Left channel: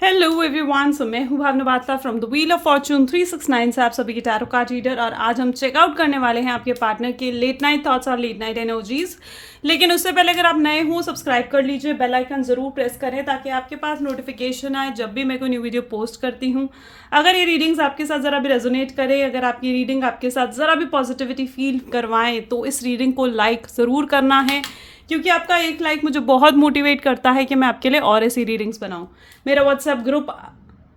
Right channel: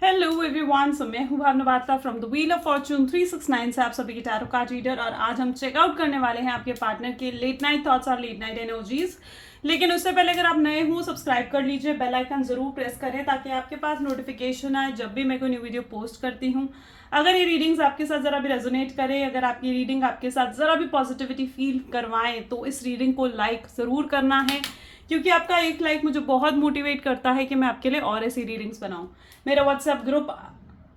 Hello everyone, so मैं हूँ Bhavna Batra from the Wheel of Fortune 369 से आप सभी की टैरो कार्ड रीडर। और आज हम चेकआउट करने वाले हैं आपके पार्टनर के लेट नाइट थॉट्स और लेट नाइट एनर्जीज। लेकिन उससे पहले अगर आप नए हो, सब्सक्राइब कर लीजिए, बेल आइकन जरूर प्रेस करें ताकि आपके पास नोटिफिकेशन आए जब भी मैं कोई न्यू वीडियो पोस्ट करती हूँ। अगर ये रीडिंग्स आपके साथ ज़रा भी रेजोनेट करे, अगर आपकी रीडिंग आपके साथ ज़रा भी पॉजिटिविटी फील करवाएं तो इस रीडिंग को लाइक ज़रूर करना है, क्योंकि आपका एक लाइक मुझे बहुत मोटिवेट करता है कि मैं आपके लिए और ऐसी रीडिंग्स बनाऊं। मेरा व्हाट्सएप ग्रुप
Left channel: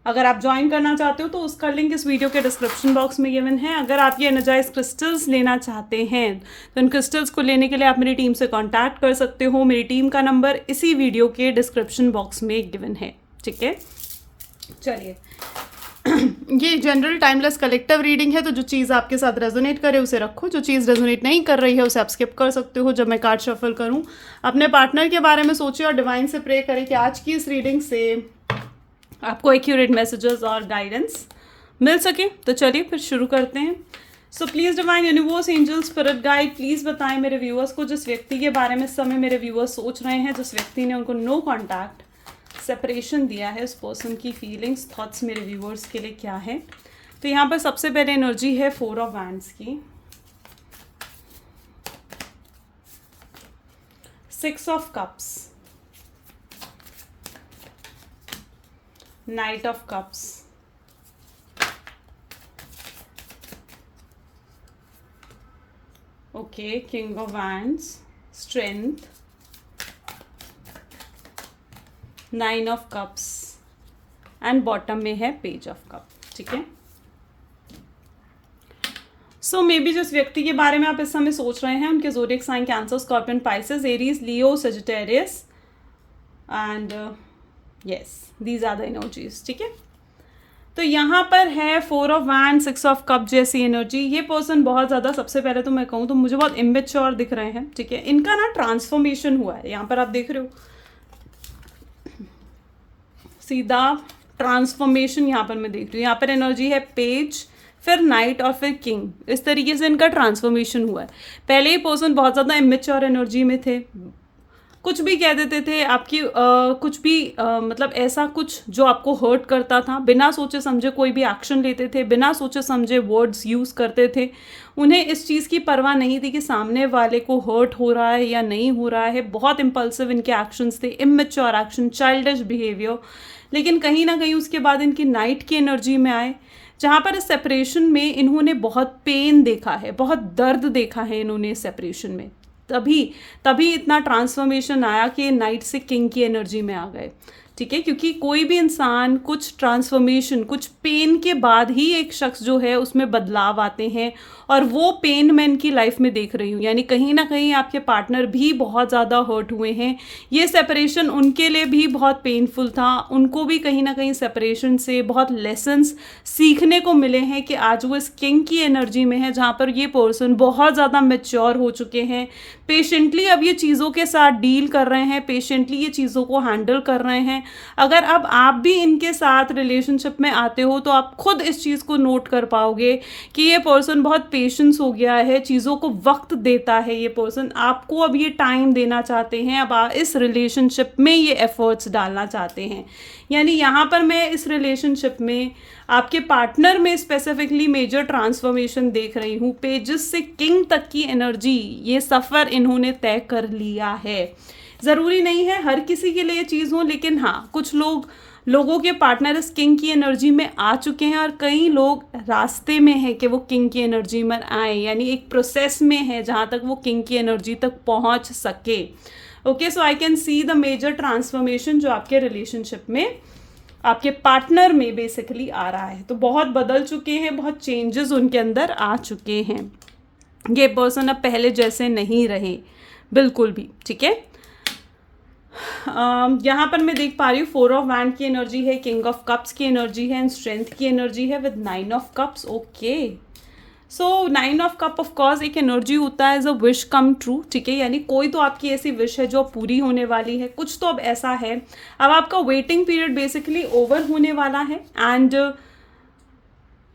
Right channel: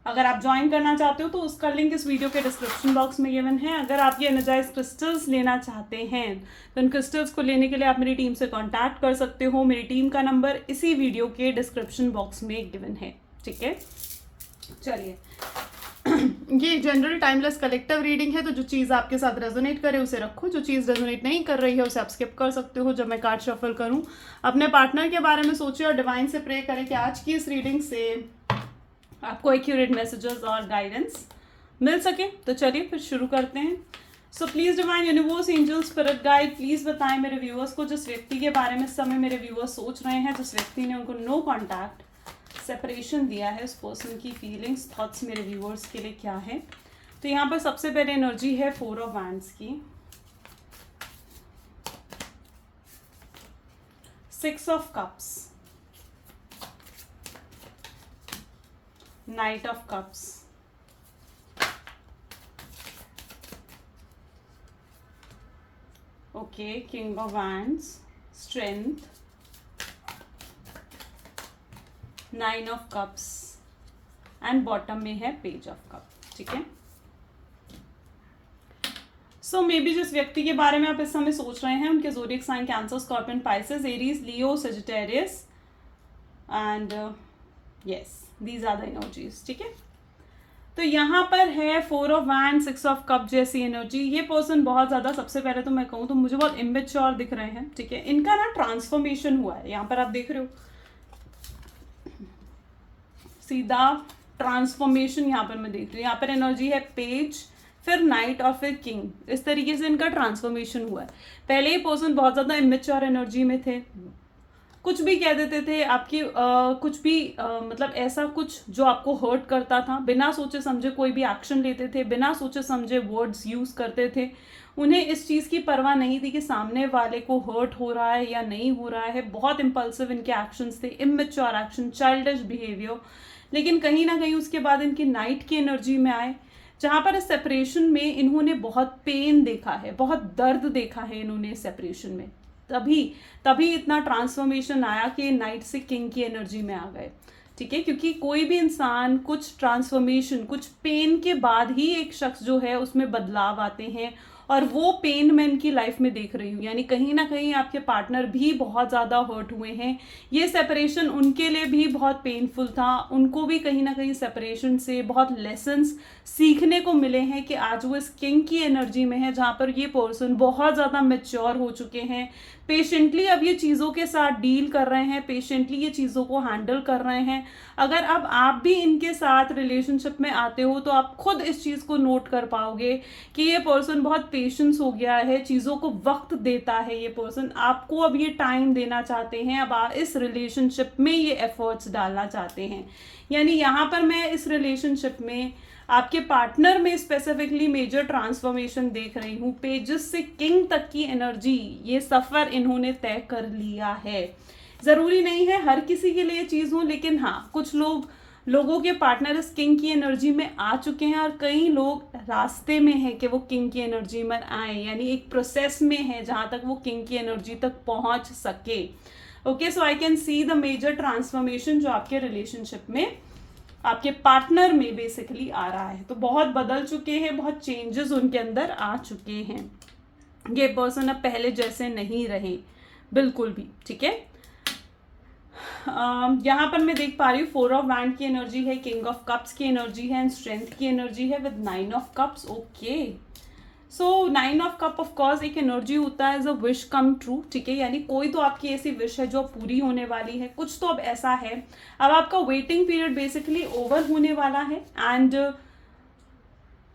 अगर आप ज्वाइन करना चाहते हो तो उसका लिंक इस वीडियो के डिस्क्रिप्शन बॉक्स में गिवन है। अगर आप ये एनर्जाइज क्रिस्टल्स लेना चाहते हैं तो इन क्रिस्टल्स को लेने के लिए आप मेरी टीम से कांटेक्ट कर सकते हो। मेरी टीम का नंबर इसी वीडियो के डिस्क्रिप्शन बॉक्स में गिवन है। ठीक है, चलिए ये जनरल टाइमलेस कलेक्टिव रीडिंग है, तो जो चीज़ आपके साथ रेजोनेट करे उसे रखो, जो चीज़ रेजोनेट नहीं कर रही है उसे आप स्किप कर सकते हो। जब मैं कार्ड शफल करूं, अपने पार्टनर के बारे में सोचिए और डिवाइन से प्रे करें कि आज की इस रीडिंग से आपको एक्यूरेट मैसेजेस और गाइडेंस मिल सके। तो चलिए फिर शुरू करते हैं। So please divine universe, angels, spirit guide, please बताएं मेरे व्यूअर्स को जिस व्यक्ति के बारे में इस समय मेरे व्यूअर्स सोच रहे हैं, जिस व्यक्ति ने उनको नो कॉन्टैक्ट सेपरेशन दिया है, उस पर्सन की फीलिंग्स, थॉट्स मेरे व्यूअर्स के लिए क्या है। तो यहाँ पर सबसे पहले एनर्जी है 4 ऑफ वैंड्स की, 6 of cups, night of cups, okay, king of wands, strength, 9 of cups and bottom में है पेज ऑफ कप। ठीक है, सो मे बी जिस व्यक्ति के बारे में आप इस समय सोच रहे हैं उनके zodiac sign Cancer, Scorpion, Pisces, Aries, Leo, Sagittarius and yes, these are the energies. ठीक है, तो यहाँ पर है 4 ऑफ वैंड, 6 ऑफ कप जैसी एनर्जी। ये पर्सन बहुत ज़्यादा, सबसे पहले तो मैं कहूँ तो मुझे बहुत इमेच्योर दिख रहे हैं। ठीक है, इनका ना ट्रांसफॉर्मेशन हुआ है, यहाँ पर आप देख रहे हो सीधा ट्रांसफॉर्मेशन यहाँ पर मैं देख रही हूँ। यहाँ पर एनर्जी है पेज, फिर नाइट और फिर किंग। इस तरीके से इनका ट्रांसफॉर्मेशन हुआ है। पहले ही पर्सन बहुत ज़्यादा इमेच्योर एनर्जी में थे, कुछ भी कह देते थे आपकी कुछ भी मतलब ऐसा कुछ जो आपको हर्ट करता था, बिना सोचे समझे कोई भी एक्शन लेते थे, बिना सोचे समझे वर्ड्स यूज़ करते थे। उन्हें इस चीज़ की परवाह नहीं थी कि सामने वाले को हर्ट हो रहा है या नहीं हो रहा है। बहुत इम्पल्सिव इनके एक्शंस थे, इमेच्योर एक्शन, चाइल्डिश बिहेवियर। लेकिन कहीं ना कहीं उसके बाद इनकी नाइट की एनर्जी में आए, जहाँ पर इस सेपरेशन में इन्होंने बहुत पेन देखा है, बहुत दर्द देखा है इन्होंने इस सेपरेशन में। तभी इतना ट्रांसफॉर्मेशन आया कि नाइट से किंग की एनर्जी में आ गए। ठीक है, क्योंकि कोई भी इंसान कुछ ट्रांसफॉर्मेशन, कुछ पेन के बाद ही एक शख्स जो है उसमें बदलाव आते हैं, और वो पेन मैं इनकी लाइफ में देख रही हूँ। यानी कहीं ना कहीं आपके पार्टनर भी बहुत ज़्यादा हर्ट हुए हैं। ये सेपरेशन उनके लिए भी बहुत पेनफुल था, उनको भी कहीं ना कहीं सेपरेशन से बहुत लेसन्स सीखने को मिले हैं कि आज वो इस किंग की एनर्जी में है, जहाँ पर ये पर्सन बहुत ज़्यादा मैच्योर हो चुके हैं, पेशेंटली अब ये चीज़ों के साथ डील कर रहे हैं, पेशेंटली ये चीज़ों को हैंडल कर रहे हैं। अगर अब आप भी इनके साथ रिलेशनशिप में आते हो तो आप खुद इस चीज़ को नोट कर पाओगे कि ये पर्सन बहुत पेशेंस हो गया है, चीज़ों को वक्त देता है। ये पर्सन आपको अब ये टाइम देना चाहते हैं, अब आप इस रिलेशनशिप में ये एफर्ट्स डालना चाहते हैं। यानी यहाँ पर मैं इस रिलेशनशिप में आपके पार्टनर में स्पेसिफिकली मेजर ट्रांसफॉर्मेशन देख रही हूँ। पेजेस से किंग तक की एनर्जी, ये सफ़र इन्होंने तय कर लिया है। ज़रूरी नहीं है हर किसी के लिए ये चीज़ हो, लेकिन हाँ, कुछ लोगों के पार्टनर इस किंग की एनर्जी में आ चुके हैं, और कई लोग रास्ते में हैं कि वो किंग की एनर्जी में आए। यानी एक प्रोसेस में है जहाँ तक वो किंग की एनर्जी तक पहुँच सके। Okay, so I can see the major transformation जो आपके रिलेशनशिप में, आपके पार्टनर में बेसिकली आ रहा है। तो बहुत बदल चुके हैं, बहुत चेंजेस उनके अंदर आ चुके हैं। ये पर्सन अब पहले जैसे नहीं रहे बिल्कुल भी। ठीक है, यहाँ पर मैं देख पा रही हूँ 4 ऑफ वैंड की एनर्जी है, किंग ऑफ कप्स की एनर्जी है एंड स्ट्रेंथ की एनर्जी है with 9 of cups. Okay, so 9 of cup of course एक एनर्जी होता है as a wish come true. ठीक है, यानी कोई तो आपकी ऐसी विश है जो पूरी होने वाली है, कुछ तो अब ऐसा है, अब आपका वेटिंग पीरियड बेसिकली ओवर होने वाला है। एंड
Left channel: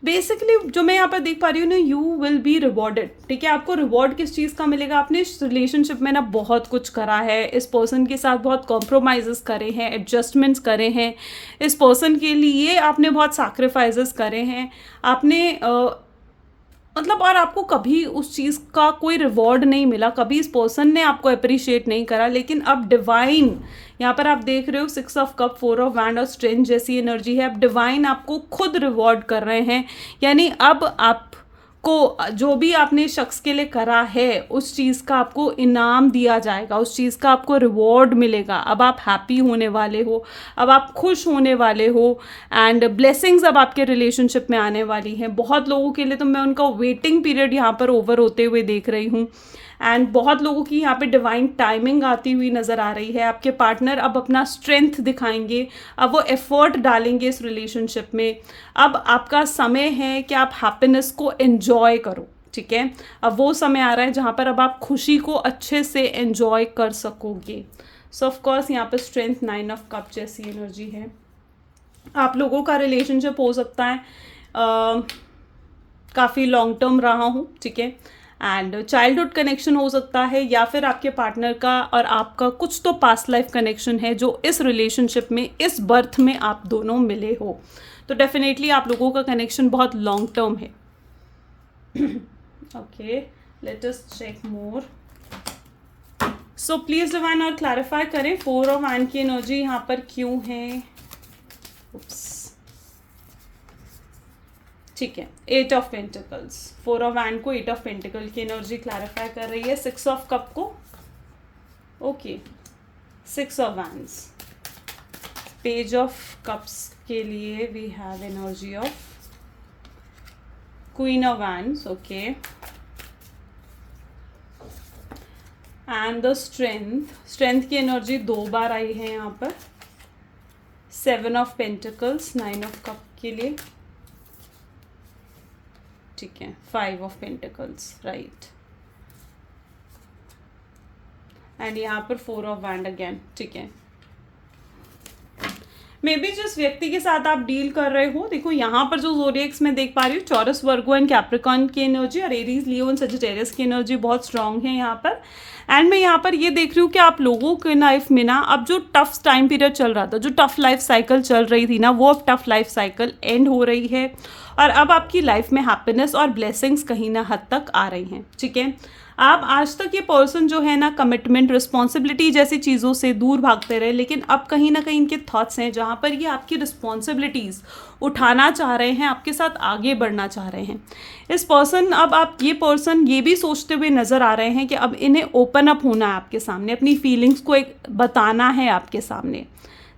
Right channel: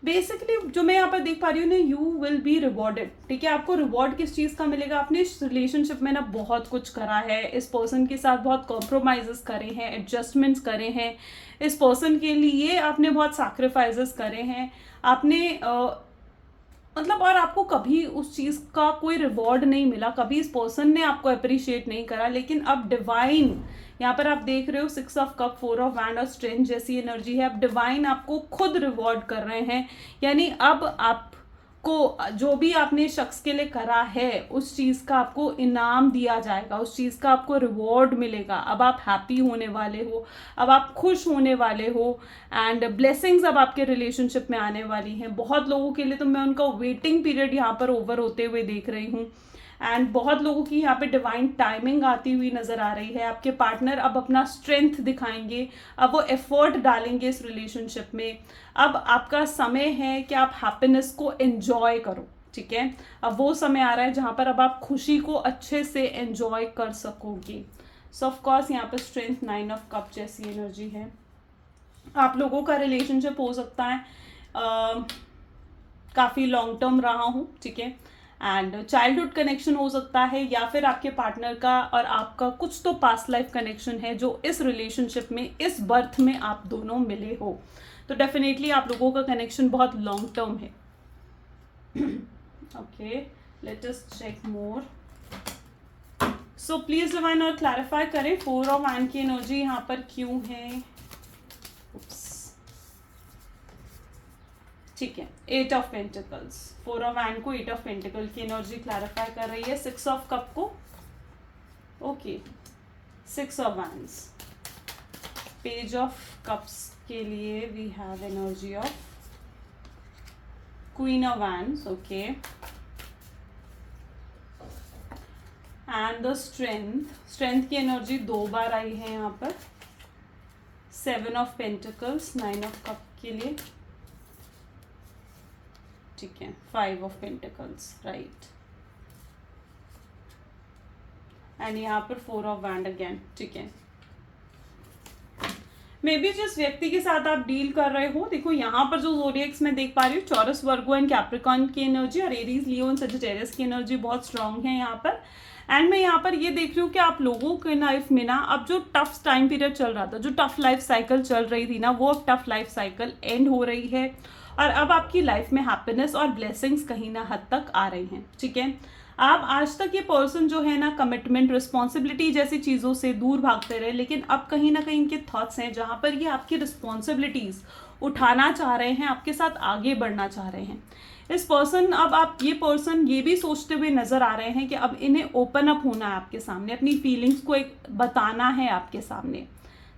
बेसिकली जो मैं यहाँ पर देख पा रही हूँ ना, यू विल बी रिवॉर्डेड, ठीक है। आपको रिवॉर्ड किस चीज़ का मिलेगा? आपने इस रिलेशनशिप में ना बहुत कुछ करा है, इस पर्सन के साथ बहुत कॉम्प्रोमाइज़ करे हैं, एडजस्टमेंट्स करे हैं, इस पर्सन के लिए आपने बहुत सैक्रिफाइसेस करे हैं, आपने मतलब, और आपको कभी उस चीज़ का कोई रिवॉर्ड नहीं मिला, कभी इस पर्सन ने आपको अप्रिशिएट नहीं करा, लेकिन अब डिवाइन, यहाँ पर आप देख रहे हो 6 ऑफ कप, 4 ऑफ वैंड और स्ट्रेंथ जैसी एनर्जी है। अब डिवाइन आपको खुद रिवॉर्ड कर रहे हैं, यानी अब आपको जो भी आपने शख्स के लिए करा है उस चीज़ का आपको इनाम दिया जाएगा, उस चीज़ का आपको रिवॉर्ड मिलेगा। अब आप हैप्पी होने वाले हो, अब आप खुश होने वाले हो, एंड ब्लेसिंग्स अब आपके रिलेशनशिप में आने वाली हैं। बहुत लोगों के लिए तो मैं उनका वेटिंग पीरियड यहाँ पर ओवर होते हुए देख रही हूँ, एंड बहुत लोगों की यहाँ पे डिवाइन टाइमिंग आती हुई नज़र आ रही है। आपके पार्टनर अब अपना स्ट्रेंथ दिखाएंगे, अब वो एफर्ट डालेंगे इस रिलेशनशिप में। अब आपका समय है कि आप हैप्पीनेस को एंजॉय करो, ठीक है। अब वो समय आ रहा है जहाँ पर अब आप खुशी को अच्छे से एंजॉय कर सकोगे। सो ऑफ कोर्स यहाँ पर स्ट्रेंथ, 9 ऑफ कप जैसी एनर्जी है। आप लोगों का रिलेशनशिप हो सकता है काफ़ी लॉन्ग टर्म रहा हो, ठीक है, एंड चाइल्डहुड कनेक्शन हो सकता है, या फिर आपके पार्टनर का और आपका कुछ तो पास्ट लाइफ कनेक्शन है जो इस रिलेशनशिप में, इस बर्थ में आप दोनों मिले हो। तो डेफिनेटली आप लोगों का कनेक्शन बहुत लॉन्ग टर्म है। Okay, let us check more. So please divine और क्लैरिफाई करें 4 ऑफ वैंड की एनर्जी यहाँ पर क्यों है। ठीक है, 8 ऑफ पेंटिकल्स, 4 ऑफ वैंड को 8 ऑफ पेंटिकल की एनर्जी क्लैरिफाई कर रही है। 6 ऑफ कप को, okay, 6 of wands, page of cups के लिए we have energy of queen of wands, okay, and the strength की एनर्जी 2 बार आई है यहाँ पर। 7 ऑफ पेंटिकल्स, 9 ऑफ कप के लिए, ठीक है, 5 ऑफ पेंटिकल्स, राइट, एंड यहाँ पर 4 ऑफ वैंड अगेन, ठीक है। मे बी जिस व्यक्ति के साथ आप डील कर रहे हो, देखो यहाँ पर जो ज़ोडिएक्स में देख पा रही हूँ, चॉरस, वर्गो एंड कैप्रिकॉर्न की एनर्जी और एरीज, लियो एंड सजिटेरियस की एनर्जी बहुत स्ट्रांग है यहाँ पर। एंड मैं यहाँ पर ये देख रही हूँ कि आप लोगों के लाइफ में ना, अब जो टफ टाइम पीरियड चल रहा था, जो टफ लाइफ साइकिल चल रही थी ना, वो अब टफ लाइफ साइकिल एंड हो रही है, और अब आपकी लाइफ में हैप्पीनेस और ब्लेसिंग्स कहीं ना हद तक आ रही हैं, ठीक है। आप आज तक ये पर्सन जो है ना, कमिटमेंट, रिस्पॉन्सिबिलिटी जैसी चीज़ों से दूर भागते रहे, लेकिन अब कहीं ना कहीं इनके थॉट्स हैं जहाँ पर ये आपकी रिस्पॉन्सिबिलिटीज़ उठाना चाह रहे हैं, आपके साथ आगे बढ़ना चाह रहे हैं। इस पर्सन, अब आप ये पर्सन ये भी सोचते हुए नज़र आ रहे हैं कि अब इन्हें ओपन अप होना है आपके सामने, अपनी फीलिंग्स को एक बताना है आपके सामने,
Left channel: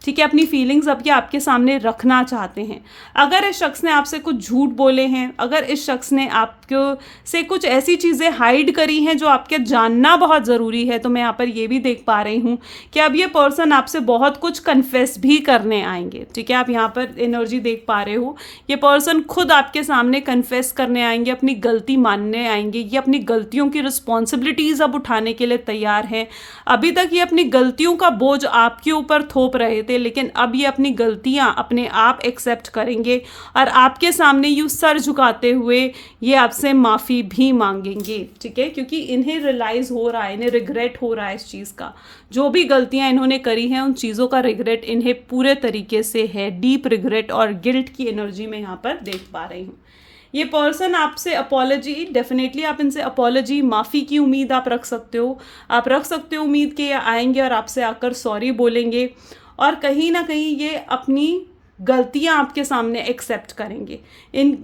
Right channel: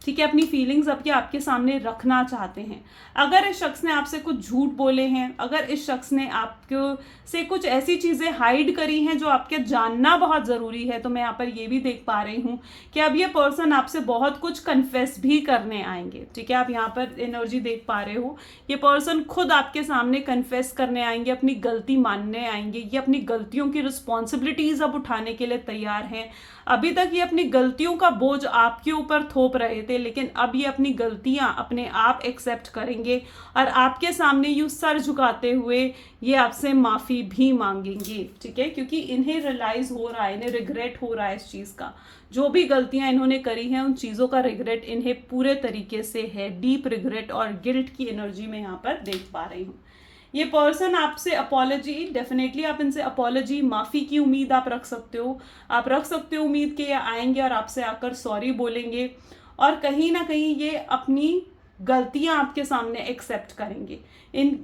ठीक है, अपनी फीलिंग्स अब ये आपके सामने रखना चाहते हैं। अगर इस शख्स ने आपसे कुछ झूठ बोले हैं, अगर इस शख्स ने आपको से कुछ ऐसी चीज़ें हाइड करी हैं जो आपके जानना बहुत ज़रूरी है, तो मैं यहाँ पर ये भी देख पा रही हूँ कि अब ये पर्सन आपसे बहुत कुछ कन्फेस भी करने आएंगे, ठीक है। आप यहाँ पर एनर्जी देख पा रहे हो, ये पर्सन खुद आपके सामने कन्फेस करने आएंगे, अपनी गलती मानने आएंगे, ये अपनी गलतियों की रिस्पॉन्सिबिलिटीज़ अब उठाने के लिए तैयार हैं। अभी तक ये अपनी गलतियों का बोझ आपके ऊपर थोप रहे थे, लेकिन अब ये अपनी गलतियां अपने आप एक्सेप्ट करेंगे और आपके सामने यूं सर झुकाते हुए ये आपसे माफ़ी भी मांगेंगे, ठीक है, क्योंकि इन्हें रियलाइज़ हो रहा है, इन्हें रिग्रेट हो रहा है इस चीज़ का। जो भी गलतियां इन्होंने करी हैं उन चीज़ों का रिग्रेट इन्हें पूरे तरीके से है, डीप रिग्रेट और गिल्ट की एनर्जी में यहाँ पर देख पा रही हूँ। ये पर्सन आपसे अपॉलॉजी, डेफिनेटली आप इनसे अपॉलॉजी, माफ़ी की उम्मीद आप रख सकते हो। आप रख सकते हो उम्मीद कि ये आएंगे और आपसे आकर सॉरी बोलेंगे, और कहीं ना कहीं ये अपनी गलतियां आपके सामने एक्सेप्ट करेंगे।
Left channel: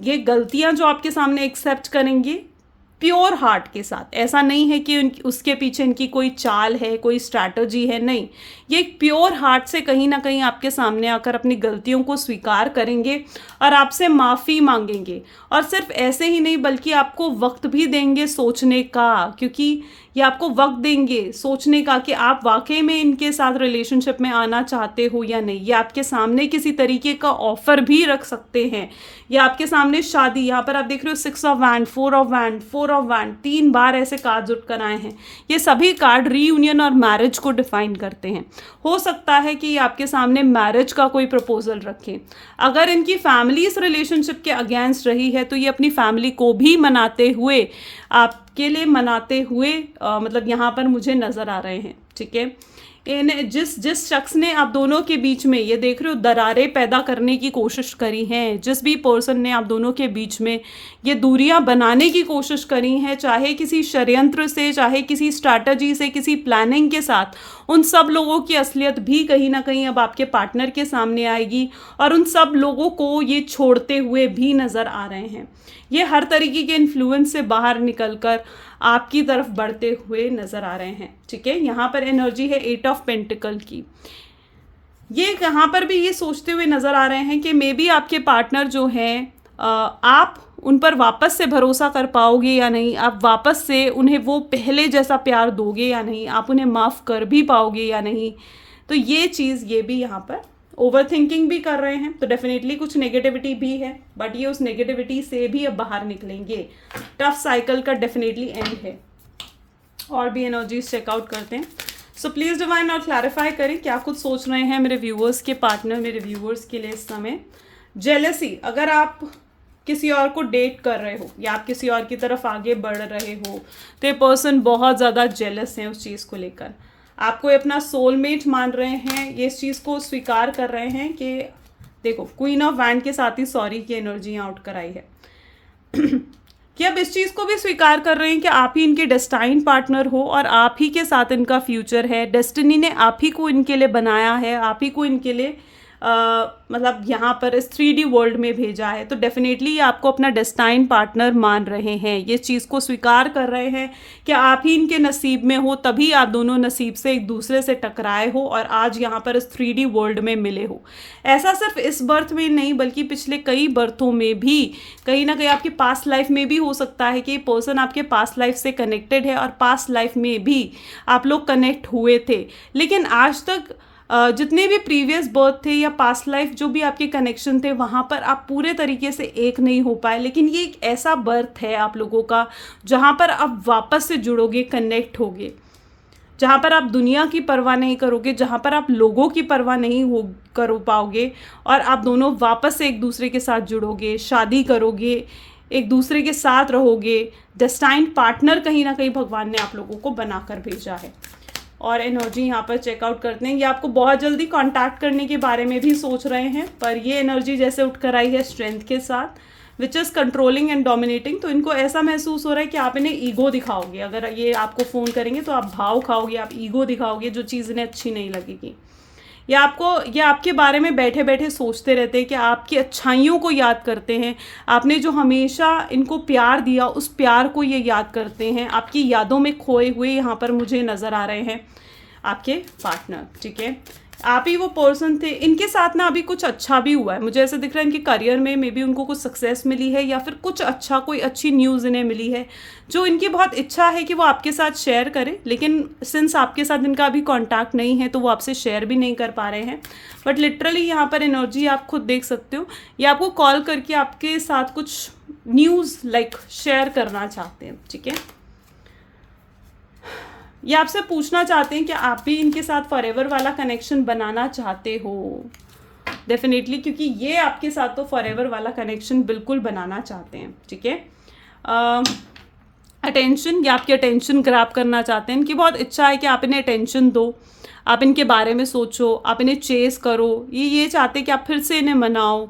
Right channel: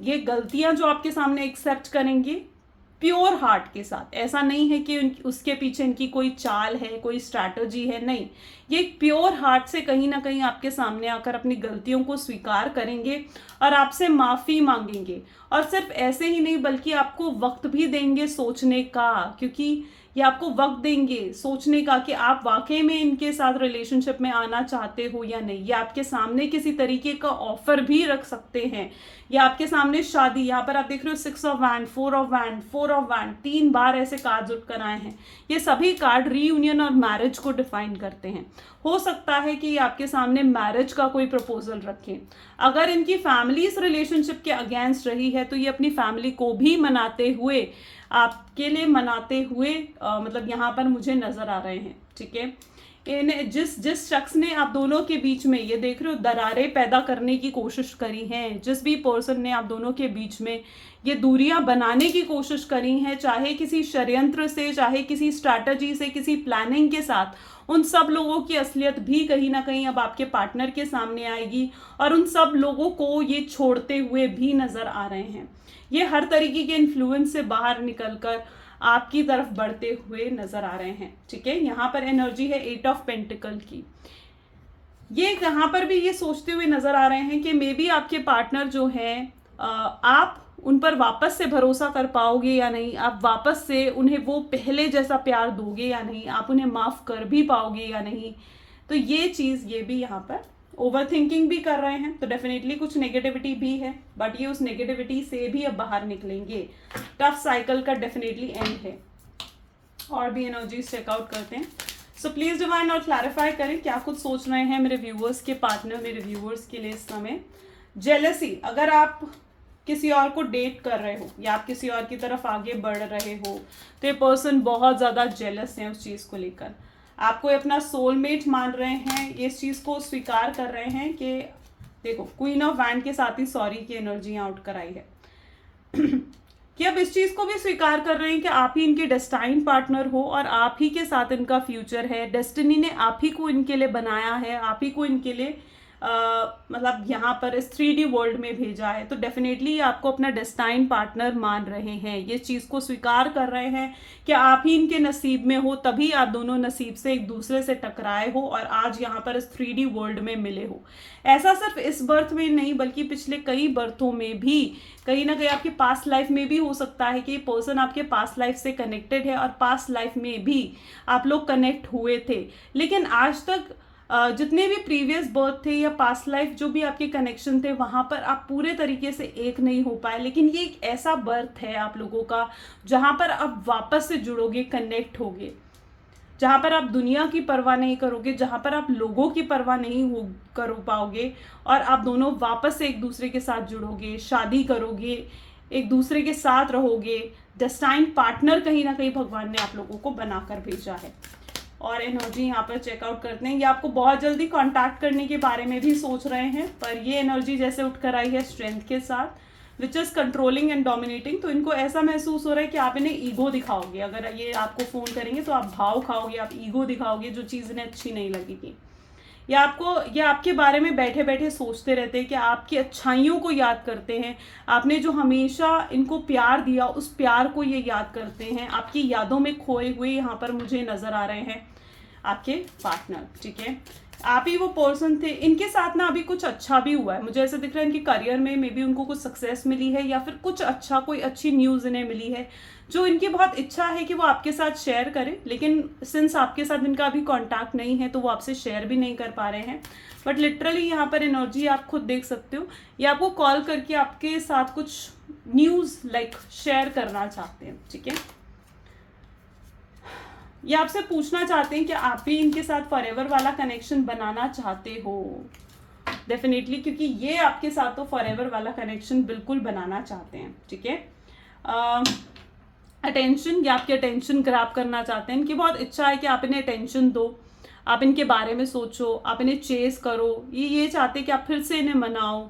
ये गलतियां जो आपके सामने एक्सेप्ट करेंगे प्योर हार्ट के साथ, ऐसा नहीं है कि उसके पीछे इनकी कोई चाल है, कोई स्ट्रैटेजी है, नहीं, ये प्योर हार्ट से कहीं ना कहीं आपके सामने आकर अपनी गलतियों को स्वीकार करेंगे और आपसे माफ़ी मांगेंगे। और सिर्फ ऐसे ही नहीं, बल्कि आपको वक्त भी देंगे सोचने का, क्योंकि ये आपको वक्त देंगे सोचने का कि आप वाकई में इनके साथ रिलेशनशिप में आना चाहते हो या नहीं। ये आपके सामने किसी तरीके का ऑफर भी रख सकते हैं, या आपके सामने शादी, यहाँ पर आप देख रहे हो 6 of wand, 4 of wand, 4 of wand, 3 बार ऐसे कार्ड उठ कर आए हैं। ये सभी कार्ड रीयूनियन और मैरिज को डिफाइन करते हैं। हो सकता है कि आपके सामने मैरिज का कोई प्रपोजल रखें। अगर इनकी फैमिली इस रिलेशनशिप के अगेंस्ट रही है तो ये अपनी फैमिली को भी मनाते हुए, आपके लिए मनाते हुए मतलब यहाँ पर मुझे नजर आ रहे हैं। ठीक है, इन जिस शख्स ने आप दोनों के बीच में, ये देख रहे हो, दरारें पैदा करने की कोशिश करी हैं, जिस भी पर्सन ने आप दोनों के बीच में ये दूरियां बनाने की कोशिश करी हैं, चाहे किसी षड्यंत्र से, चाहे किसी स्ट्रैटेजी से, किसी प्लानिंग के साथ, उन सब लोगों की असलियत भी कहीं ना कहीं अब आपके पार्टनर के सामने आएगी और उन सब लोगों को ये छोड़ते हुए भी नजर आ रहे हैं। ये हर तरीके के इन्फ्लुएंस से बाहर निकलकर आपकी तरफ बढ़ते हुए नजर आ रहे हैं। ठीक है, यहाँ पर एनर्जी है 8 ऑफ पेंटिकल की। ये यहाँ पर भी ये सोचते हुए नजर आ रहे हैं कि मे बी आपके पार्टनर जो हैं, आप उन पर वापस से भरोसा कर पाओगे या नहीं, आप वापस से उन्हें वो पहले जैसा प्यार दोगे या नहीं, आप उन्हें माफ़ कर भी पाओगे या नहीं। तो ये चीज़, ये भी यहाँ पर ओवर थिंकिंग भी कर रहे हैं, तो डेफिनेटली कुछ नेगेटिविटी भी है, बट ये उस नेगेटिविटी से भी अब बाहर निकलेंगे। टफ साइकिल का डेफिनेटली एंड है। और भी एनर्जीज चेकआउट करते हैं। सो प्लीज़ डिवाइन और क्लैरिफाई करें क्या कुछ सोच रहे हैं मेरे व्यूअर्स के पार्टनर, मेरे व्यूअर्स के लिए इस समय। जेलसी, अगर आप किसी और को डेट कर रहे हो या आप किसी और की तरफ आगे बढ़ रहे हो तो ये पर्सन बहुत ज़्यादा जेलस है उस चीज़ को लेकर। आपको अपना सोलमेट मान रहे हैं, ये इस चीज़ को स्वीकार कर रहे हैं कि देखो, क्वीन ऑफ वैंड के साथ ही सॉरी की एनर्जी आउट कराई है कि अब इस चीज़ को भी स्वीकार कर रहे हैं कि आप ही इनके डेस्टाइन पार्टनर हो और आप ही के साथ इनका फ्यूचर है। डेस्टिनी ने आप ही को इनके लिए बनाया है, आप ही को इनके लिए मतलब यहाँ पर इस 3D वर्ल्ड में भेजा है। तो डेफिनेटली आपको अपना डेस्टाइन पार्टनर मान रहे हैं, ये चीज़ को स्वीकार कर रहे हैं कि आप ही इनके नसीब में हो, तभी आप दोनों नसीब से एक दूसरे से टकराए हो और आज यहाँ पर इस 3D वर्ल्ड में मिले हो। ऐसा सिर्फ इस बर्थ में नहीं बल्कि पिछले कई बर्थों में भी, कहीं ना कहीं आपकी पास्ट लाइफ में भी हो सकता है कि ये पर्सन आपके पास्ट लाइफ से कनेक्टेड है और पास्ट लाइफ में भी आप लोग कनेक्ट हुए थे। लेकिन आज तक जितने भी प्रीवियस बर्थ थे या पास्ट लाइफ जो भी आपके कनेक्शन थे, वहाँ पर आप पूरे तरीके से एक नहीं हो पाए। लेकिन ये एक ऐसा बर्थ है आप लोगों का जहाँ पर आप वापस से जुड़ोगे, कनेक्ट होगे, जहाँ पर आप दुनिया की परवाह नहीं करोगे, जहाँ पर आप लोगों की परवाह नहीं कर पाओगे और आप दोनों वापस से एक दूसरे के साथ जुड़ोगे, शादी करोगे, एक दूसरे के साथ रहोगे। डेस्टाइन पार्टनर कहीं ना कहीं भगवान ने आप लोगों को बनाकर भेजा है। और एनर्जी यहाँ पर चेकआउट करते हैं, ये आपको बहुत जल्दी कांटेक्ट करने के बारे में भी सोच रहे हैं, पर ये एनर्जी जैसे उठ कर आई है स्ट्रेंथ के साथ, which is controlling and dominating. तो इनको ऐसा महसूस हो रहा है कि आप इन्हें ईगो दिखाओगे। अगर ये आपको फ़ोन करेंगे तो आप भाव खाओगे, आप ईगो दिखाओगे, जो चीज़ इन्हें अच्छी नहीं लगेगी। ये आपके बारे में बैठे बैठे सोचते रहते हैं कि आपकी अच्छाइयों को याद करते हैं, आपने जो हमेशा इनको प्यार दिया उस प्यार को ये याद करते हैं। आपकी यादों में खोए हुए यहाँ पर मुझे नज़र आ रहे हैं आपके पार्टनर। ठीक है, आप ही वो पर्सन थे, इनके साथ ना अभी कुछ अच्छा भी हुआ है। मुझे ऐसा दिख रहा है इनके करियर में मे बी उनको कुछ सक्सेस मिली है या फिर कुछ अच्छा, कोई अच्छी न्यूज़ इन्हें मिली है जो इनकी बहुत इच्छा है कि वो आपके साथ शेयर करें। लेकिन सिंस आपके साथ इनका अभी कांटेक्ट नहीं है तो वो आपसे शेयर भी नहीं कर पा रहे हैं। बट लिटरली यहाँ पर एनर्जी आप खुद देख सकते हो, ये आपको कॉल करके आपके साथ कुछ न्यूज़ लाइक शेयर करना चाहते हैं। ठीक है, ये आपसे पूछना चाहते हैं कि आप भी इनके साथ फॉरएवर वाला कनेक्शन बनाना चाहते हो। डेफिनेटली, क्योंकि ये आपके साथ तो फॉरएवर वाला कनेक्शन बिल्कुल बनाना चाहते हैं। ठीक है, अटेंशन, ये आपकी अटेंशन ग्रैब करना चाहते हैं। इनकी बहुत इच्छा है कि आप इन्हें अटेंशन दो, आप इनके बारे में सोचो, आप इन्हें चेस करो। ये चाहते हैं कि आप फिर से इन्हें मनाओ।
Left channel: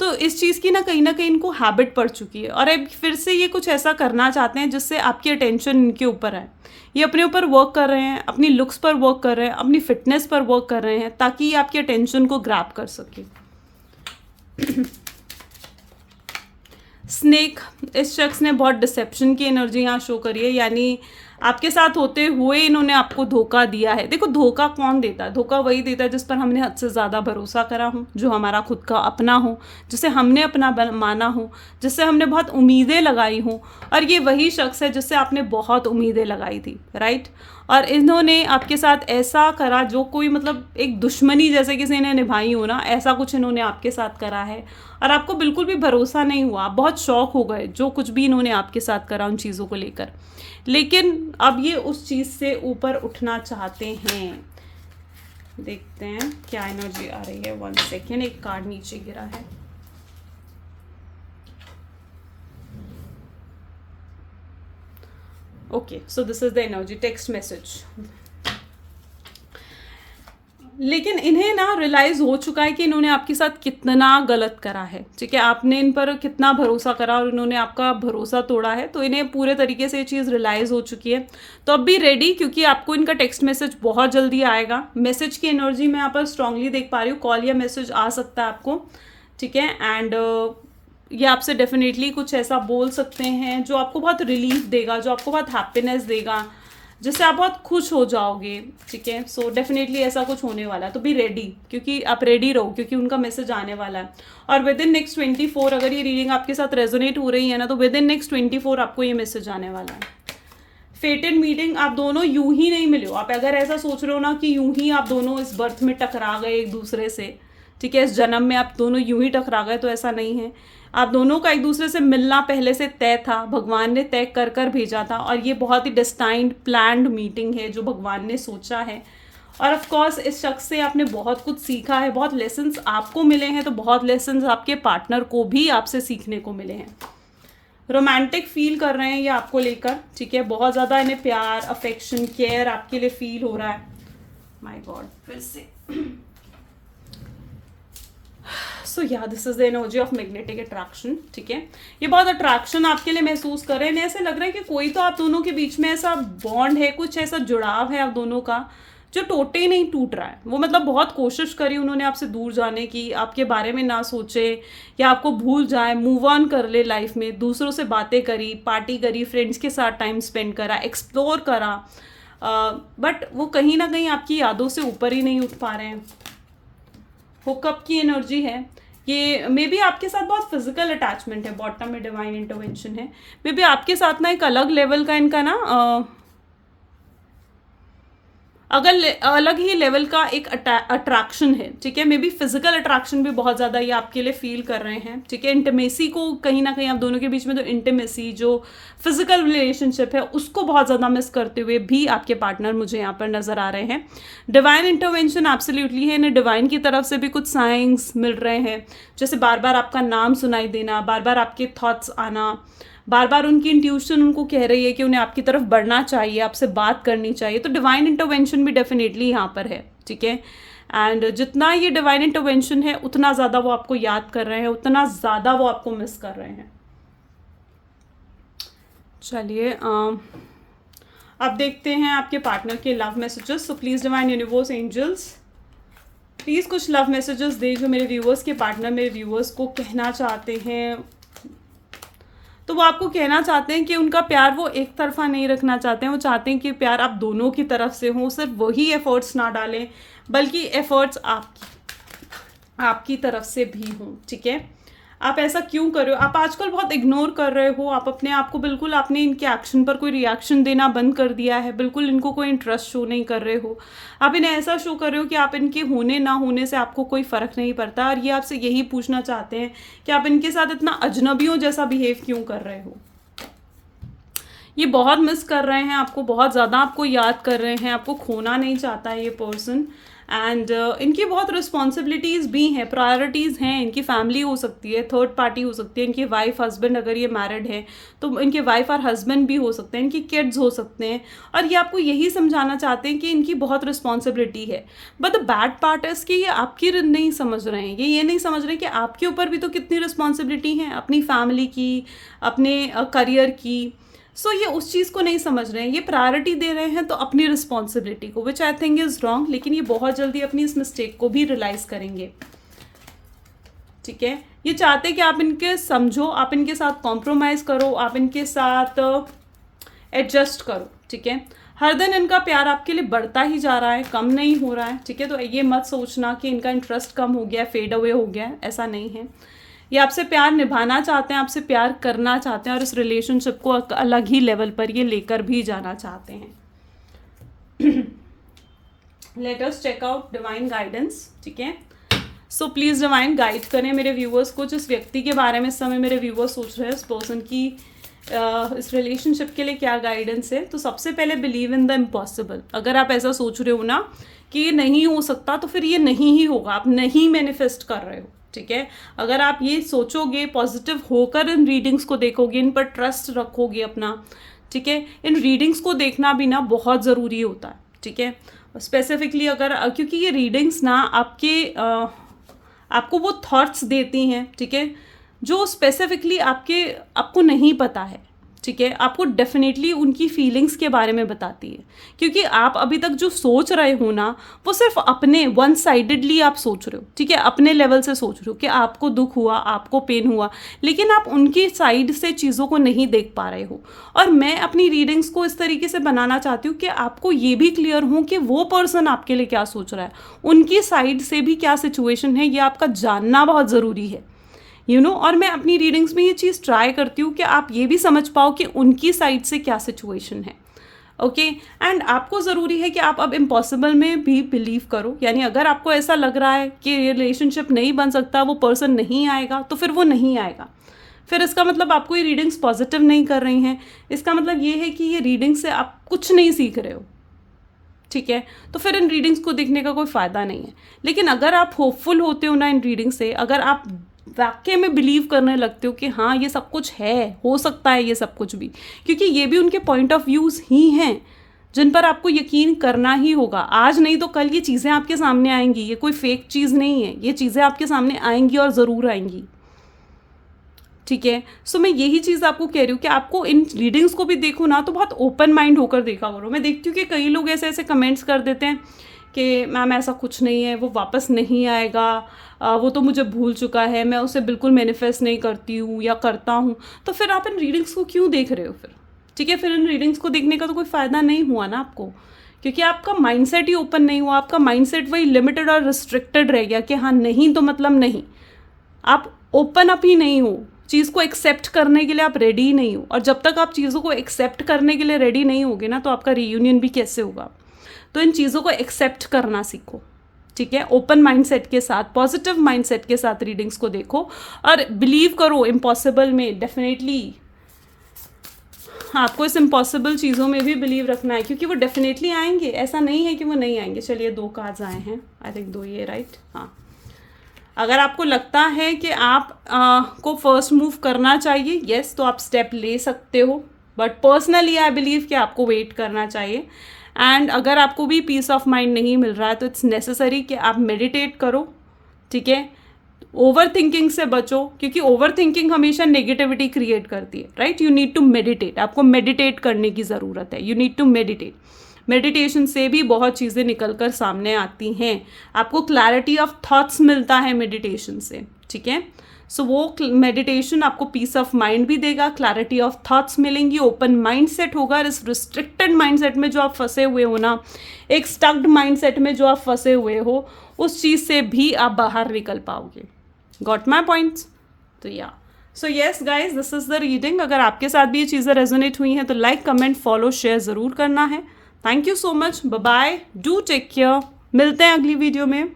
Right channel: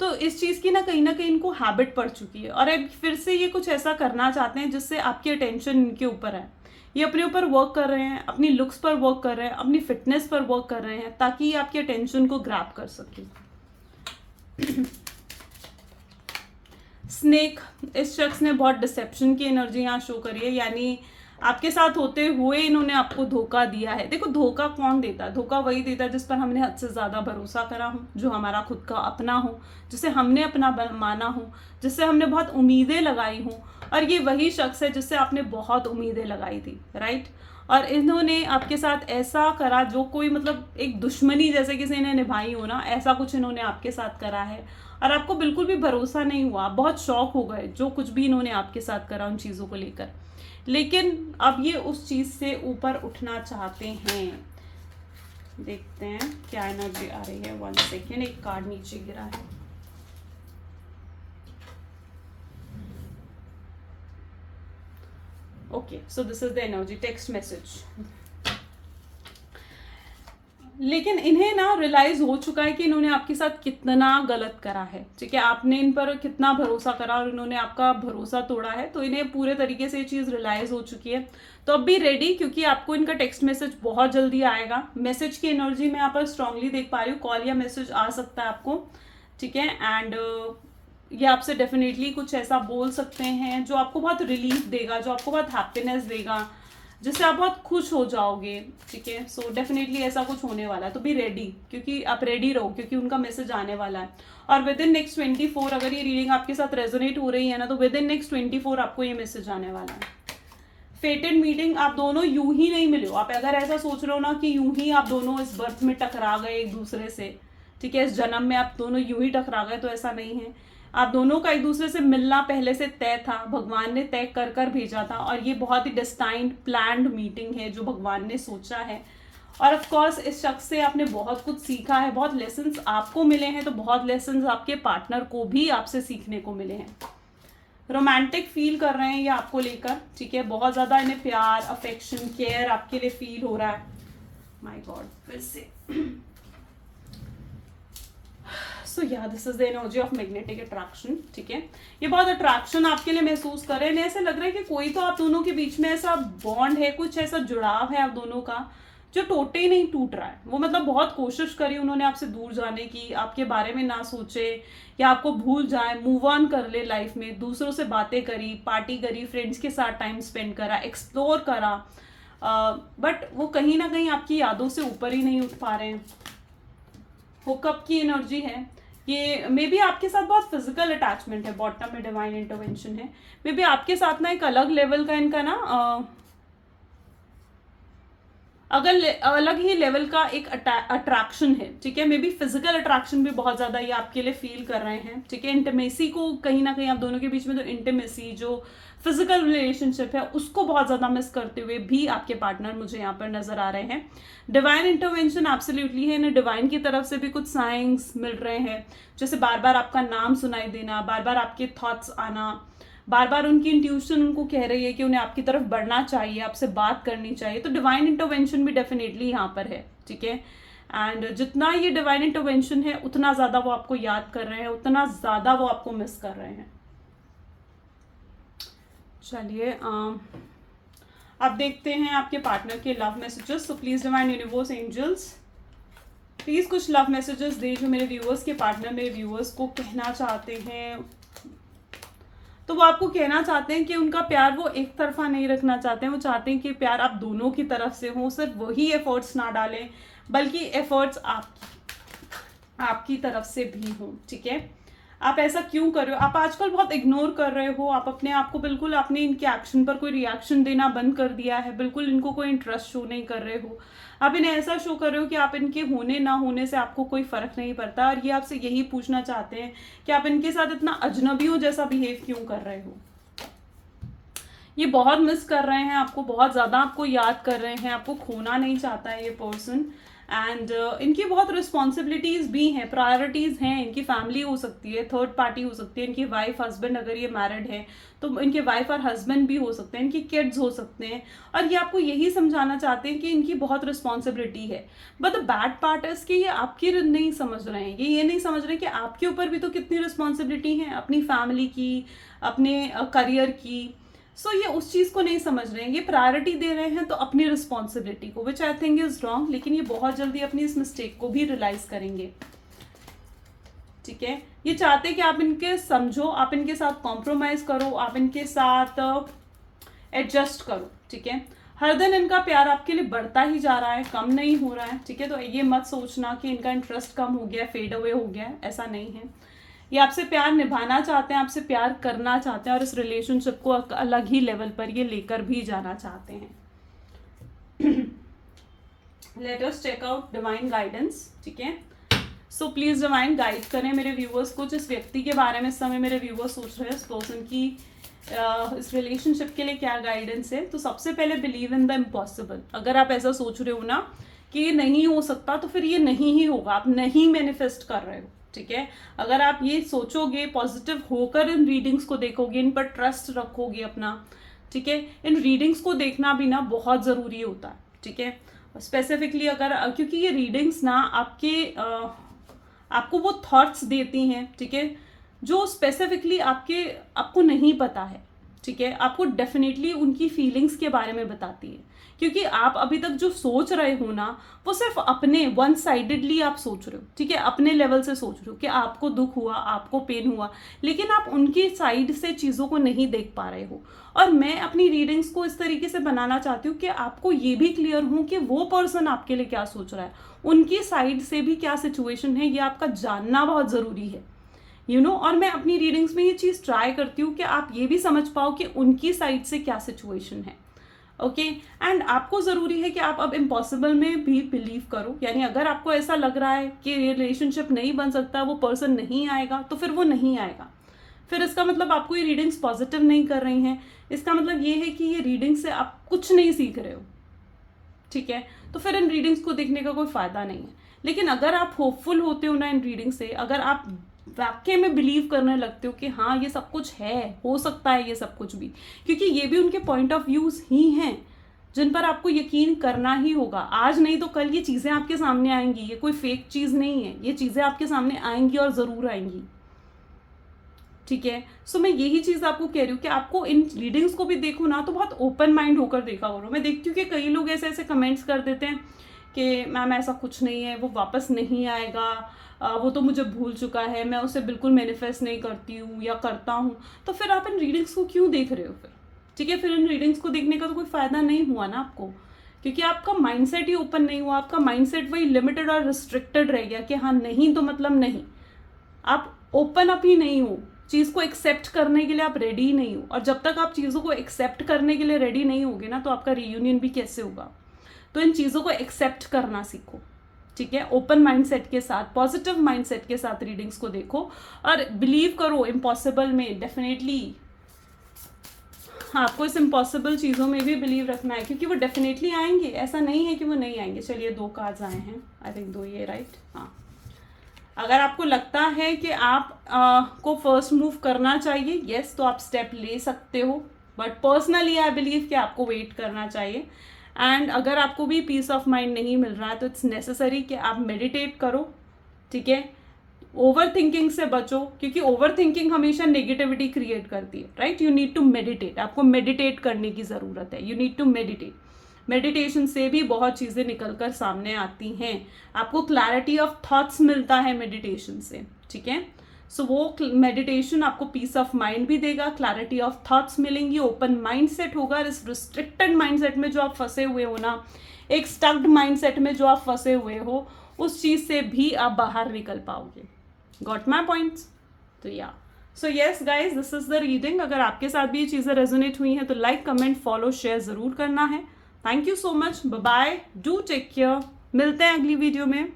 तो इस चीज़ की ना कहीं इनको हैबिट पड़ चुकी है और अब फिर से ये कुछ ऐसा करना चाहते हैं जिससे आपकी अटेंशन इनके ऊपर है। ये अपने ऊपर वर्क कर रहे हैं, अपनी लुक्स पर वर्क कर रहे हैं, अपनी फिटनेस पर वर्क कर रहे हैं ताकि ये आपकी अटेंशन को ग्रैब कर सके। स्नेक, इस शख्स ने बहुत डिसेप्शन की एनर्जी यहाँ शो करी है, यानी आपके साथ होते हुए इन्होंने आपको धोखा दिया है। देखो धोखा कौन देता है? धोखा वही देता है जिस पर हमने हद से ज़्यादा भरोसा करा हो, जो हमारा खुद का अपना हो, जिसे हमने अपना माना हो, जिससे हमने बहुत उम्मीदें लगाई हो। और ये वही शख्स है जिससे आपने बहुत उम्मीदें लगाई थी, राइट। और इन्होंने आपके साथ ऐसा करा जो कोई मतलब एक दुश्मनी जैसे किसी ने निभाई हो ना, ऐसा कुछ इन्होंने आपके साथ करा है। और आपको बिल्कुल भी भरोसा नहीं हुआ, आप बहुत शॉक हो गए जो कुछ भी इन्होंने आपके साथ करा उन चीज़ों को लेकर। लेकिन अब ये उस चीज़ से ऊपर उठना चाहते हैं। देखते हैं क्या एनर्जी आ रही है। 1 सेकेंड, एक कार्ड नीचे गिरा है। Okay, so this is the energy, text message. लेकिन इन्हें ना रियलाइज हो चुका है कि इन्होंने आपके साथ कितना गलत करा है, ठीक है। आपने इन पर कितना भरोसा करा और इन्होंने आपका भरोसा तोड़ा है। तो इन्हें पूरे तरीके से ये चीज़ रियलाइज हो चुकी है। तो अब भी रेडी, क्योंकि आपको इनका टेक्स्ट मैसेज बहुत जल्दी आएगा। मैसेज की एनर्जी मैं यहाँ पर स्ट्रांगली देख पा रही हूँ। कॉल या मैसेज आ सकता है आपको, ठीक है। एंड ये आपसे डेफिनेटली कुछ ऐसा बोल सकते हैं जो आपको बहुत रिलीफ देगा, जो आपको बहुत हैप्पीनेस देगा, जिससे आप बहुत खुश हो जाओगे, ठीक है। सो डेफिनेटली ऐसा कुछ होने वाला है। तो बी रेडी, क्योंकि आप रेडी रहो, क्योंकि उनका मैसेज आने वाला है। और विद इन नेक्स्ट 24, अगर ये रीडिंग आपके साथ रेजोनेट हो रही है ना, तो विद इन नेक्स्ट 24 आपको ये मैसेज आने वाला है। फेटेड मीटिंग, आप दोनों यूं ही नहीं मिले हो। आप अगर ऐसा सोच रहे हो ना कि यूं ही आप दोनों इस बर्थ में टकरा गए एक दूसरे से, ठीक है, इस जन्म में आप दोनों यूं ही टकरा गए, तो ऐसा नहीं है। आप दोनों का एक दूसरे से मिलना पहले से तय था, भगवान ने तय कर कर भेजा था। और ये बहुत ही डिस्टाइंड प्लान्ड मीटिंग है जो भगवान ने सोचा है। और ऑफ कोर्स इस शख्स से आपने बहुत कुछ सीखा है, बहुत लेसन्स आपको मिले हैं, तो बहुत लेसन्स आपके पार्टनर को भी आपसे सीखने को मिले हैं। रोमांटिक फील कर रहे हैं ये आपको लेकर, ठीक है। बहुत ज़्यादा इन्हें प्यार, अफेक्शन, केयर आपके लिए फील हो रहा है। माय गॉड, फिर से सो या this is the energy of magnetic attraction, ठीक है। ये बहुत अट्रैक्शन आपके लिए महसूस कर रहे हैं। ऐसे लग रहा है कि कोई तो आप दोनों के बीच में ऐसा बॉन्ड है, कुछ ऐसा जुड़ाव है आप दोनों का जो टूटे ही नहीं टूट रहा है। वो मतलब बहुत कोशिश करी उन्होंने आपसे दूर जाने की, आपके बारे में ना सोचे या आपको भूल जाए, मूव ऑन कर ले लाइफ में। दूसरों से बातें करी, पार्टी करी, फ्रेंड्स के साथ टाइम स्पेंड करा, एक्सप्लोर करा, बट वो कहीं ना कहीं आपकी यादों से ऊपर ही नहीं उठ पा रहे हैं। हुकअप की एनर्जी है ये। मे बी आपके साथ बहुत फिजिकल अटैचमेंट है, बॉटम में डिवाइन इंटरवेंशन है। मे बी आपके साथ ना एक अलग लेवल का इनका ना अलग ही लेवल का एक अट्रैक्शन है, ठीक है। मे बी फिजिकल अट्रैक्शन भी बहुत ज़्यादा ये आपके लिए फील कर रहे हैं, ठीक है। इंटीमेसी को कहीं ना कहीं आप दोनों के बीच में जो इंटीमेसी, जो फिजिकल रिलेशनशिप है, उसको बहुत ज़्यादा मिस करते हुए भी आपके पार्टनर मुझे यहाँ पर नज़र आ रहे हैं। डिवाइन इंटरवेंशन एब्सोल्युटली है। इन्हें डिवाइन की तरफ से भी कुछ साइंस मिल रहे हैं, जैसे बार बार आपका नाम सुनाई देना, बार बार आपके थॉट्स आना, बार बार उनकी इंट्यूशन उनको कह रही है कि उन्हें आपकी तरफ बढ़ना चाहिए, आपसे बात करनी चाहिए। तो डिवाइन इंटरवेंशन भी डेफिनेटली यहाँ पर है, ठीक है। एंड जितना ये डिवाइन इंटरवेंशन है, उतना ज़्यादा वो आपको याद कर रहे हैं, उतना ज़्यादा वो आपको मिस कर रहे हैं। चलिए अब देखते हैं आपके पार्टनर के love messages. So please divine universe, angels, please कुछ लव मैसेजेस दे जो मेरे व्यूअर्स के पार्टनर मेरे व्यूअर्स को कहना चाहते हैं। तो वो आपको कहना चाहते हैं कि उनका प्यार वो एक तरफा नहीं रखना चाहते हैं। वो चाहते हैं कि प्यार आप दोनों की तरफ से हो, सिर्फ वही एफर्ट्स ना डालें, बल्कि एफर्ट्स आपकी तरफ से भी हों, ठीक है। आप ऐसा क्यों कर रहे हो? आप आजकल बहुत इग्नोर कर रहे हो। आप अपने आप को बिल्कुल, आपने इनके एक्शन पर कोई रिएक्शन देना बंद कर दिया है, बिल्कुल इनको कोई इंटरेस्ट शो नहीं कर रहे हो। आप इन्हें ऐसा शो कर रहे हो कि आप इनके होने ना होने से आपको कोई फ़र्क नहीं पड़ता। और ये आपसे यही पूछना चाहते हैं कि आप इनके साथ इतना अजनबियों जैसा बिहेव क्यों कर रहे हो। ये बहुत मिस कर रहे हैं आपको, बहुत ज़्यादा आपको याद कर रहे हैं, आपको खोना नहीं चाहता है ये पर्सन। एंड इनकी बहुत रिस्पॉन्सिबिलिटीज़ भी हैं, प्रायोरिटीज़ हैं। इनकी फैमिली हो सकती है, थर्ड पार्टी हो सकती है, इनकी वाइफ हस्बैंड, अगर ये मैरिड है तो इनके वाइफ और हस्बैंड भी हो सकते हैं, इनकी किड्स हो सकते हैं। और ये आपको यही समझाना चाहते हैं कि इनकी बहुत रिस्पॉन्सिबिलिटी है। But the bad part is कि ये आपकी नहीं समझ रहे हैं। ये नहीं समझ रहे कि आपके ऊपर भी तो कितनी रिस्पॉन्सिबिलिटी है, अपनी फैमिली की, अपने करियर की। सो ये उस चीज़ को नहीं समझ रहे हैं। ये प्रायोरिटी दे रहे हैं तो अपनी रिस्पॉन्सिबिलिटी को, विच आई थिंक इज़ रॉन्ग। लेकिन ये बहुत जल्दी अपनी इस मिस्टेक को भी रियलाइज़ करेंगे, ठीक है। ये चाहते हैं कि आप इनके समझो, आप इनके साथ कॉम्प्रोमाइज़ करो, आप इनके साथ एडजस्ट करो, ठीक है। हर दिन इनका प्यार आपके लिए बढ़ता ही जा रहा है, कम नहीं हो रहा है, ठीक है। तो ये मत सोचना कि इनका इंटरेस्ट कम हो गया, फेड अवे हो गया है, ऐसा नहीं है। ये आपसे प्यार निभाना चाहते हैं, आपसे प्यार करना चाहते हैं और इस रिलेशनशिप को अलग ही लेवल पर ये लेकर भी जाना चाहते हैं। Let us check out divine guidance, ठीक है। सो प्लीज़ डिवाइन गाइड करें मेरे व्यूअर्स को। जिस व्यक्ति के बारे में इस समय मेरे व्यूअर्स सोच रहे हैं, इस पर्सन की इस रिलेशनशिप के लिए क्या गाइडेंस है। तो सबसे पहले बिलीव इन द इम्पॉसिबल। अगर आप ऐसा सोच रहे हो ना कि ये नहीं हो सकता, तो फिर ये नहीं ही होगा, आप नहीं मैनिफेस्ट कर रहे हो, ठीक है। अगर आप ये सोचोगे, पॉजिटिव होकर इन रीडिंग्स को देखोगे, इन पर ट्रस्ट रखोगे अपना, ठीक है। इन रीडिंग्स को देखना भी ना बहुत ज़रूरी होता है, ठीक है। स्पेसिफिकली अगर, क्योंकि ये रीडिंग्स ना आपको वो थॉट्स देती हैं, ठीक है, जो स्पेसिफिकली आपको नहीं पता है, ठीक है। आपको डेफिनेटली उनकी फीलिंग्स के बारे में बताती है, क्योंकि आप अभी तक जो सोच रहे हो ना, वो सिर्फ अपने वन साइडेडली आप सोच रहे हो, ठीक है। अपने लेवल से सोच रहे हो कि आपको दुख हुआ, आपको पेन हुआ, लेकिन आप उनकी साइड से चीज़ों को नहीं देख पा रहे हो। और मैं अपनी रीडिंग्स को इस तरीके से बनाना चाहती हूँ कि आपको ये भी क्लियर हो कि वो पर्सन आपके लिए क्या सोच रहा है, उनकी साइड से भी क्या सिचुएशन है, ये आपका जानना बहुत ज़रूरी है, और मैं अपनी रीडिंग्स में ये चीज़ ट्राई करती हूँ कि आप ये भी समझ पाओ कि उनकी साइड से क्या सिचुएशन है, ओके। एंड आपको ज़रूरी है कि आप अब इम्पॉसिबल में भी बिलीव करो। यानी अगर आपको ऐसा लग रहा है कि ये रिलेशनशिप नहीं बन सकता, वो पर्सन नहीं आएगा, तो फिर वो नहीं आएगा। फिर इसका मतलब आपको ये रीडिंग्स पॉजिटिव नहीं कर रही हैं, इसका मतलब ये है कि ये रीडिंग से आप कुछ नहीं सीख रहे हो, ठीक है। तो फिर इन रीडिंग्स को देखने का कोई फ़ायदा नहीं है। लेकिन अगर आप होपफुल होते हो ना इन रीडिंग से, अगर आप वाकई में बिलीव करने लगते हो कि हाँ ये सब कुछ है, हो सकता है ये सब कुछ भी, क्योंकि ये भी उनके पॉइंट ऑफ व्यूज़ ही हैं जिन पर आपको यकीन करना ही होगा। आज नहीं तो कल ये चीज़ें आपके सामने आएंगी, ये कोई फेक चीज़ नहीं है, ये चीज़ें आपके सामने आएंगी और ज़रूर आएंगी, ठीक है। सो मैं यही चीज़ आपको कह रही हूँ कि आपको इन रीडिंग्स को भी देखो ना, तो बहुत ओपन माइंड होकर देखा करो। मैं देखती हूँ कि कई लोग ऐसे ऐसे कमेंट्स कर देते हैं कि मैम ऐसा कुछ नहीं है, वो वापस नहीं आएगा, वो तो मुझे भूल चुका है, मैं उसे बिल्कुल मैनिफेस्ट नहीं करती हूँ या करता हूँ। तो फिर आप इन रीडिंग्स को क्यों देख रहे हो फिर, ठीक है। फिर इन रीडिंग्स को देखने का तो कोई फ़ायदा नहीं हुआ ना आपको, क्योंकि आपका माइंडसेट ही ओपन नहीं हुआ। आपका माइंडसेट वही लिमिटेड और रिस्ट्रिक्टेड रह गया कि हाँ नहीं तो मतलब नहीं। आप ओपन अप ही नहीं हो, चीज़ को एक्सेप्ट करने के लिए आप रेडी ही नहीं हो। और जब तक आप चीज़ों को एक्सेप्ट करने के लिए रेडी नहीं होगे ना, तो आपका रीयूनियन भी कैसे होगा। तो इन चीज़ों को एक्सेप्ट करना सीखो, ठीक है। ओपन माइंडसेट के साथ, पॉजिटिव माइंडसेट के साथ रीडिंग्स को देखो और बिलीव करो इम्पॉसिबल में। डेफिनेटली आपको इस इम्पॉसिबल चीज़ों में भी बिलीव रखना है, क्योंकि वो डेफिनेटली आएंगे, ऐसा नहीं है कि वो नहीं आएंगे। चलिए 2 कार्ड्स आए हैं, आई थिंक 2 ये राइट, हाँ। अगर आपको लगता है कि आप को फर्स्ट मूव करना चाहिए, येस, तो आप स्टेप ले सकते हो, बट पर्सनली आई बिलीव कि आपको वेट करना चाहिए। एंड अगर आपको भी पीस ऑफ माइंड नहीं मिल रहा है, तो इट्स नेसेसरी कि आप मेडिटेट करो, ठीक है। ओवर थिंकिंग से बचो, क्योंकि ओवर थिंकिंग हमेशा नेगेटिविटी क्रिएट करती है, right. You need to meditate, आपको मेडिटेट करने की ज़रूरत है, you need to meditate. Meditation से भी बहुत चीज़ें निकल कर सामने आती हैं, आपको क्लैरिटी ऑफ थॉट्स मिलता है मेडिटेशन से, ठीक है। सो वो मेडिटेशन आपको पीस ऑफ माइंड भी देगा, क्लैरिटी ऑफ थॉट्स मिलेंगी, ओपन माइंडसेट होगा। इस रिस्ट्रिक्टेड माइंडसेट में जो आप फंसे हुए हो ना, एक स्टक्ड माइंडसेट में जो आप फंसे हुए हो, उस चीज़ से भी आप बाहर निकल पाओगे। Got my points? तो या so yes guys, this is the reading. अगर आपके साथ भी ये चीज़ें रेजोनेट हुई हैं तो लाइक, कमेंट, फॉलो, शेयर ज़रूर करना है। Thank you so much, bye bye, do take care. मिलते हैं अगली वीडियो में।